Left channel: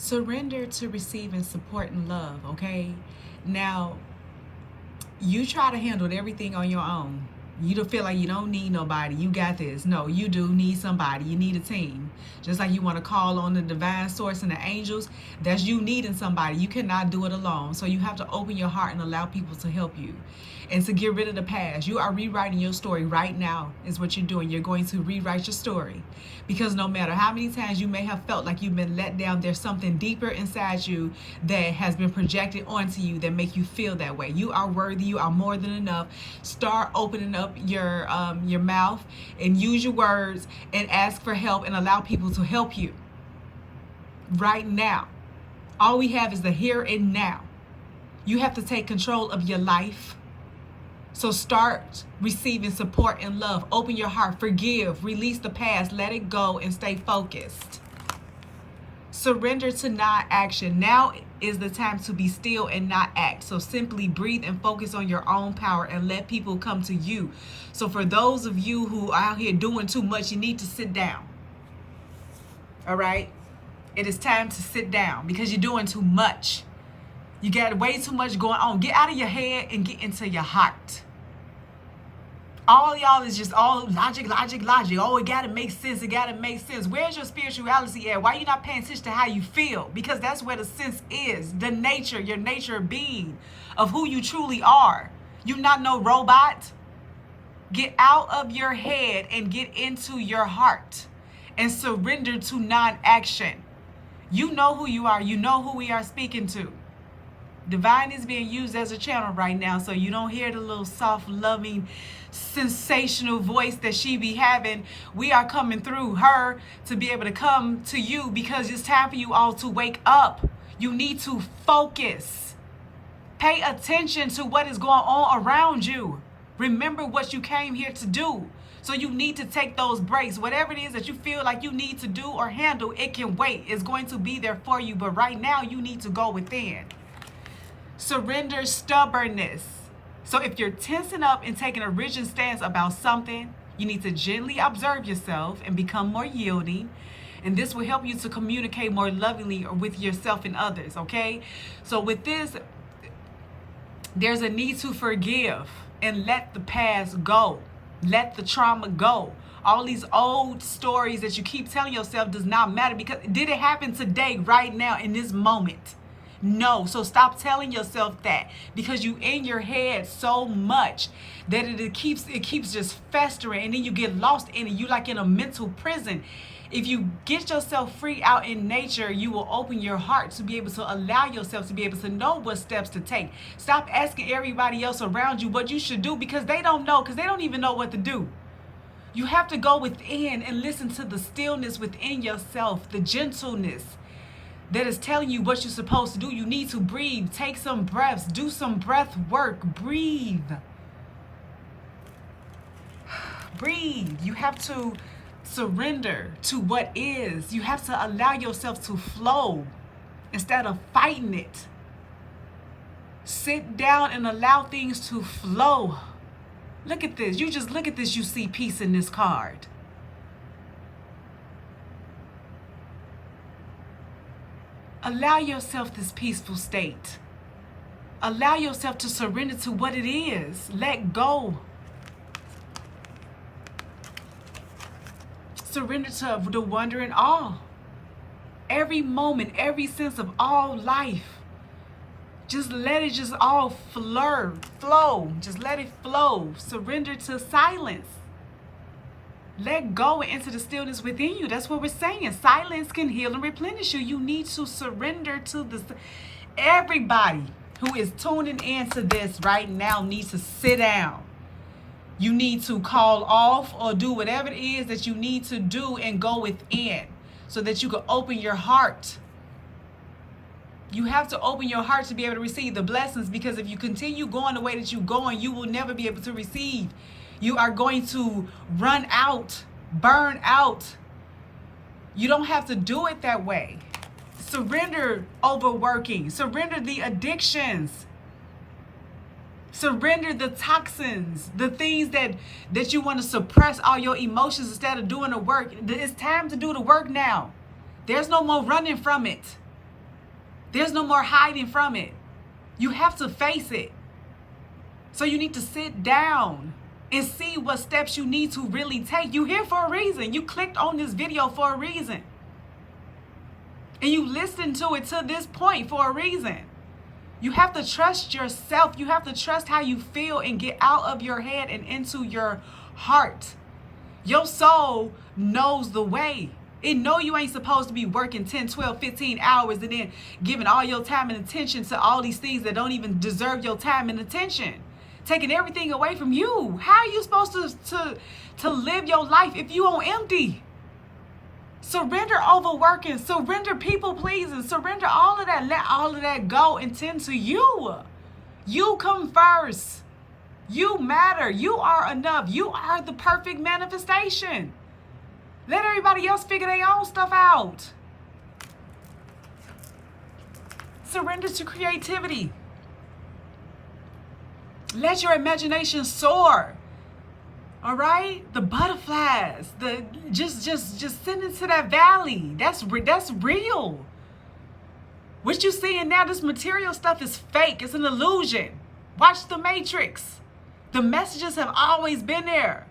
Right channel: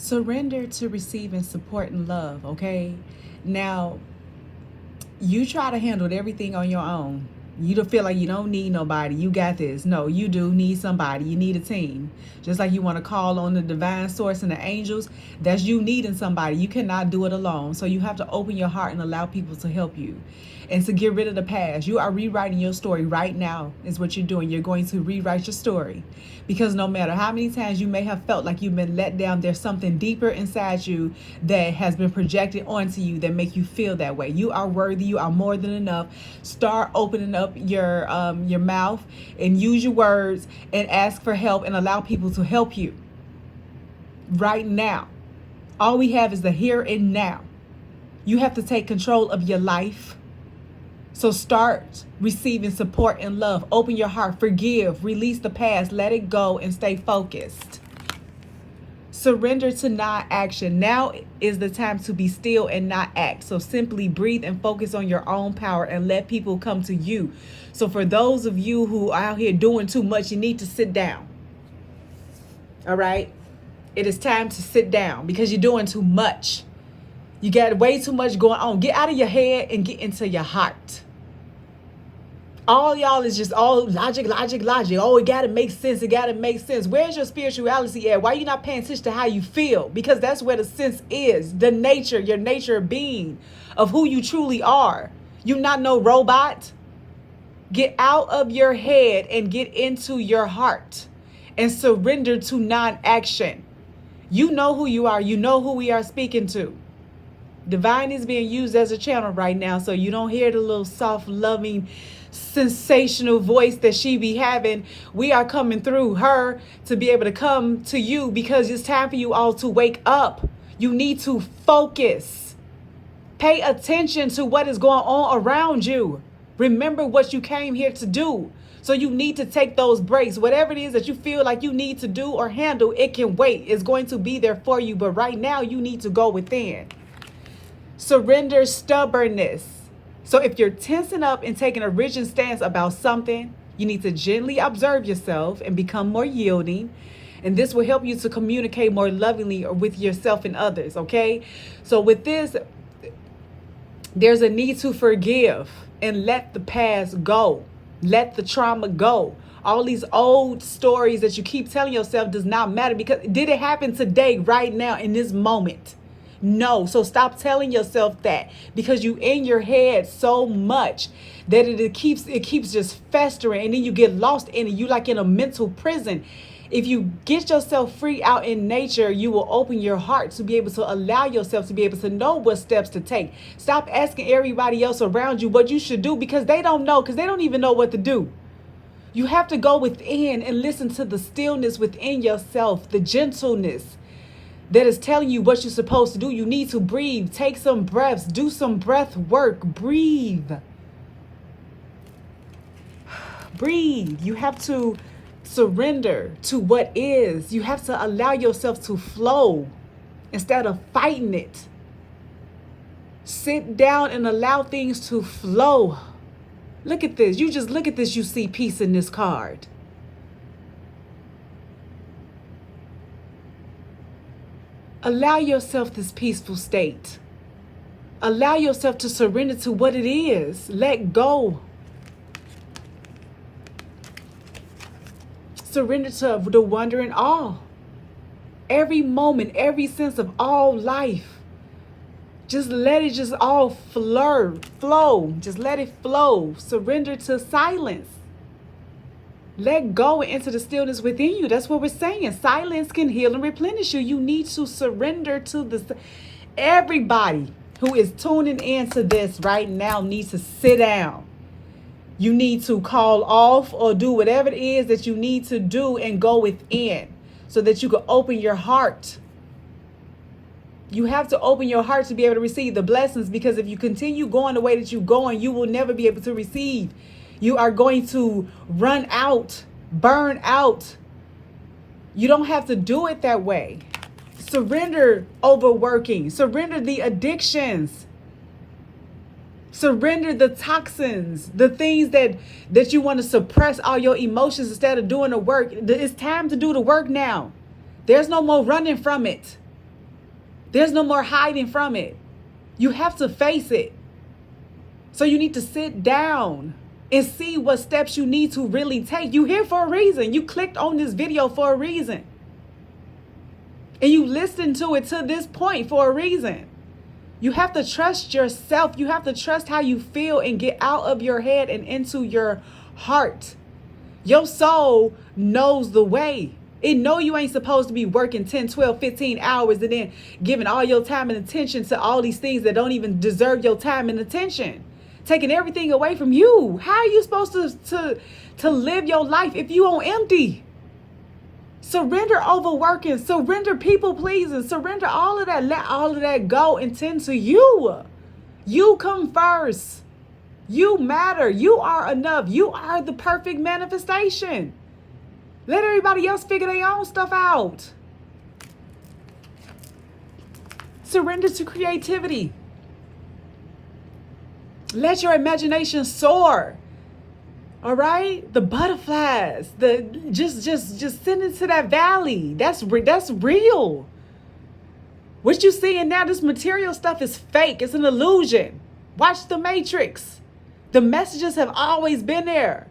Surrender to receiving support and love, okay? Now, you try to handle everything on your own. You don't feel like you don't need nobody. You got this. No, you do need somebody. You need a team. Just like you want to call on the divine source and the angels, that's you needing somebody. You cannot do it alone. So you have to open your heart and allow people to help you and to get rid of the past. You are rewriting your story right now is what you're doing. You're going to rewrite your story because no matter how many times you may have felt like you've been let down, there's something deeper inside you that has been projected onto you that make you feel that way. You are worthy. You are more than enough. Start opening up your mouth and use your words and ask for help and allow people to help you right now. All we have is the here and now. You have to take control of your life. So start receiving support and love. Open your heart, forgive, release the past, let it go, and stay focused. Surrender to non-action. Now is the time to be still and not act. So simply breathe and focus on your own power and let people come to you. So for those of you who are out here doing too much, you need to sit down. All right? It is time to sit down because you're doing too much. You got way too much going on. Get out of your head and get into your heart. All y'all is just all logic. Oh, it gotta make sense. It gotta make sense. Where's your spirituality at? Why are you not paying attention to how you feel? Because that's where the sense is. The nature, your nature of being, of who you truly are. You're not no robot. Get out of your head and get into your heart and surrender to non-action. You know who you are. You know who we are speaking to. Divine is being used as a channel right now, so you don't hear the little soft, loving, sensational voice that she be having. We are coming through her to be able to come to you because it's time for you all to wake up. You need to focus. Pay attention to what is going on around you. Remember what you came here to do. So you need to take those breaks. Whatever it is that you feel like you need to do or handle, it can wait. It's going to be there for you. But right now, you need to go within. Surrender stubbornness. So if you're tensing up and taking a rigid stance about something, you need to gently observe yourself and become more yielding. And this will help you to communicate more lovingly with yourself and others, okay? So with this, there's a need to forgive and let the past go. Let the trauma go. All these old stories that you keep telling yourself does not matter because did it happen today, right now, in this moment? No. So stop telling yourself that because you in your head so much that it keeps just festering and then you get lost in it. You like in a mental prison. If you get yourself free out in nature, you will open your heart to be able to allow yourself to be able to know what steps to take. Stop asking everybody else around you what you should do because they don't know, because they don't even know what to do. You have to go within and listen to the stillness within yourself, the gentleness that is telling you what you're supposed to do. You need to breathe, take some breaths, do some breath work, breathe. Breathe. You have to surrender to what is. You have to allow yourself to flow instead of fighting it. Sit down and allow things to flow. Look at this. You just look at this. You see peace in this card. Allow yourself this peaceful state. Allow yourself to surrender to what it is. Let go. Surrender to the wonder and awe. Every moment, every sense of all life. Just let it just all flow. Just let it flow. Surrender to silence. Let go and enter the stillness within you. That's what we're saying. Silence can heal and replenish you. You need to surrender to the... Everybody who is tuning into this right now needs to sit down. You need to call off or do whatever it is that you need to do and go within so that you can open your heart. You have to open your heart to be able to receive the blessings, because if you continue going the way that you're going, you will never be able to receive. You are going to run out, burn out. You don't have to do it that way. Surrender overworking. Surrender the addictions. Surrender the toxins, the things that you want to suppress all your emotions instead of doing the work. It's time to do the work now. There's no more running from it. There's no more hiding from it. You have to face it. So you need to sit down and see what steps you need to really take. You're here for a reason. You clicked on this video for a reason. And you listened to it to this point for a reason. You have to trust yourself. You have to trust how you feel and get out of your head and into your heart. Your soul knows the way. It know you ain't supposed to be working 10, 12, 15 hours and then giving all your time and attention to all these things that don't even deserve your time and attention. Taking everything away from you. How are you supposed to live your life if you on empty? Surrender overworking, surrender people pleasing, surrender all of that. Let all of that go and tend to you. You come first. You matter. You are enough. You are the perfect manifestation. Let everybody else figure their own stuff out. Surrender to creativity. Let your imagination soar. All right? The butterflies, just send into that valley. That's real. What you're seeing now, this material stuff is fake. It's an illusion. Watch The Matrix. The messages have always been there.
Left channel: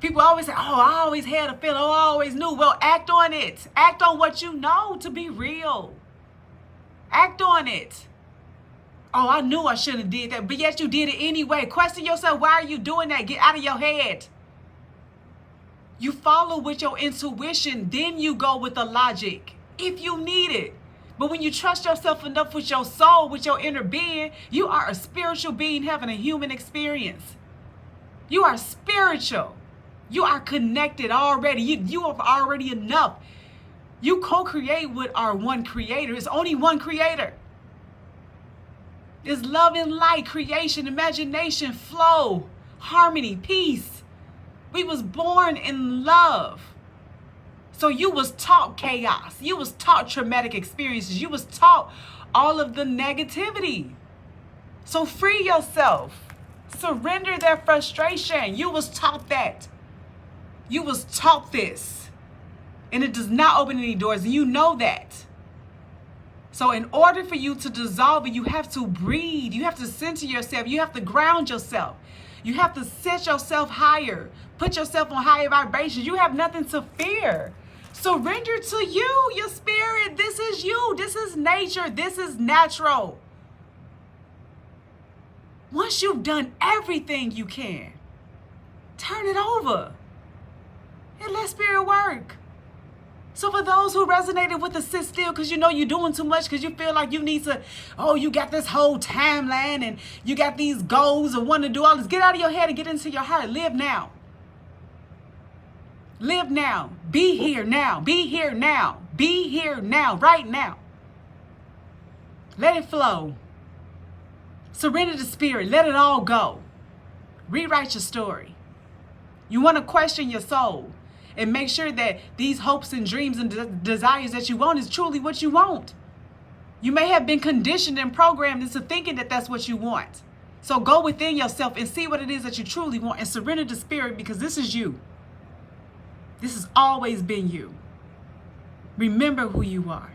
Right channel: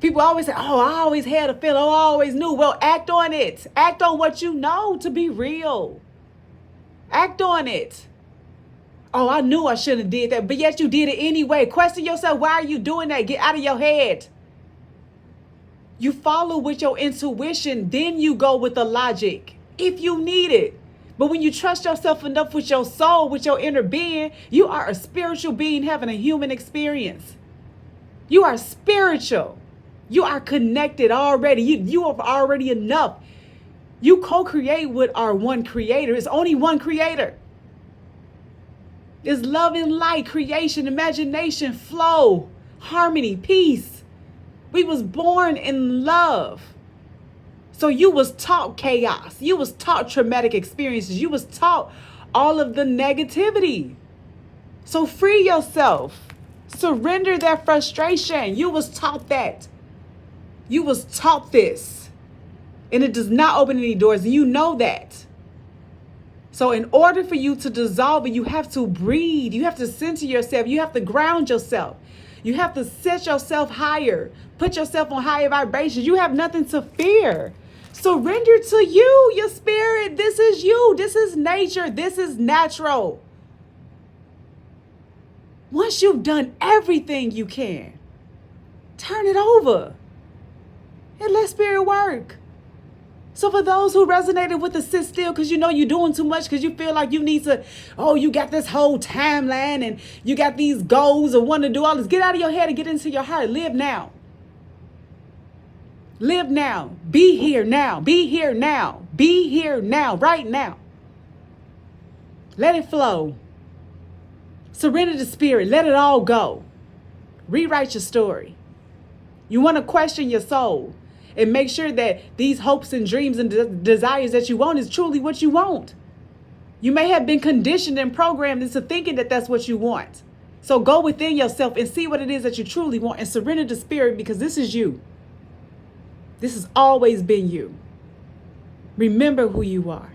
People always say, oh, I always had a feeling. Oh, I always knew. Well, act on it. Act on what you know to be real. Act on it. Oh, I knew I shouldn't have did that, but yet you did it anyway. Question yourself, why are you doing that? Get out of your head. You follow with your intuition, then you go with the logic, if you need it. But when you trust yourself enough with your soul, with your inner being, you are a spiritual being having a human experience. You are spiritual. You are connected already. You are already enough. You co-create with our one creator. It's only one creator. It's love and light, creation, imagination, flow, harmony, peace. We was born in love. So you was taught chaos. You was taught traumatic experiences. You was taught all of the negativity. So free yourself. Surrender that frustration. You was taught that. You was taught this. And it does not open any doors. And you know that. So in order for you to dissolve it, you have to breathe. You have to center yourself. You have to ground yourself. You have to set yourself higher. Put yourself on higher vibrations. You have nothing to fear. Surrender to you, your spirit. This is you. This is nature. This is natural. Once you've done everything you can, turn it over and let spirit work. So for those who resonated with the sit still because you know you're doing too much, because you feel like you need to, oh, you got this whole timeline and you got these goals and want to do all this. Get out of your head and get into your heart. Live now. Live now. Be here now. Be here now. Be here now. Right now. Let it flow. Surrender to spirit. Let it all go. Rewrite your story. You want to question your soul. And make sure that these hopes and dreams and desires that you want is truly what you want. You may have been conditioned and programmed into thinking that that's what you want. So go within yourself and see what it is that you truly want and surrender to spirit, because this is you. This has always been you. Remember who you are.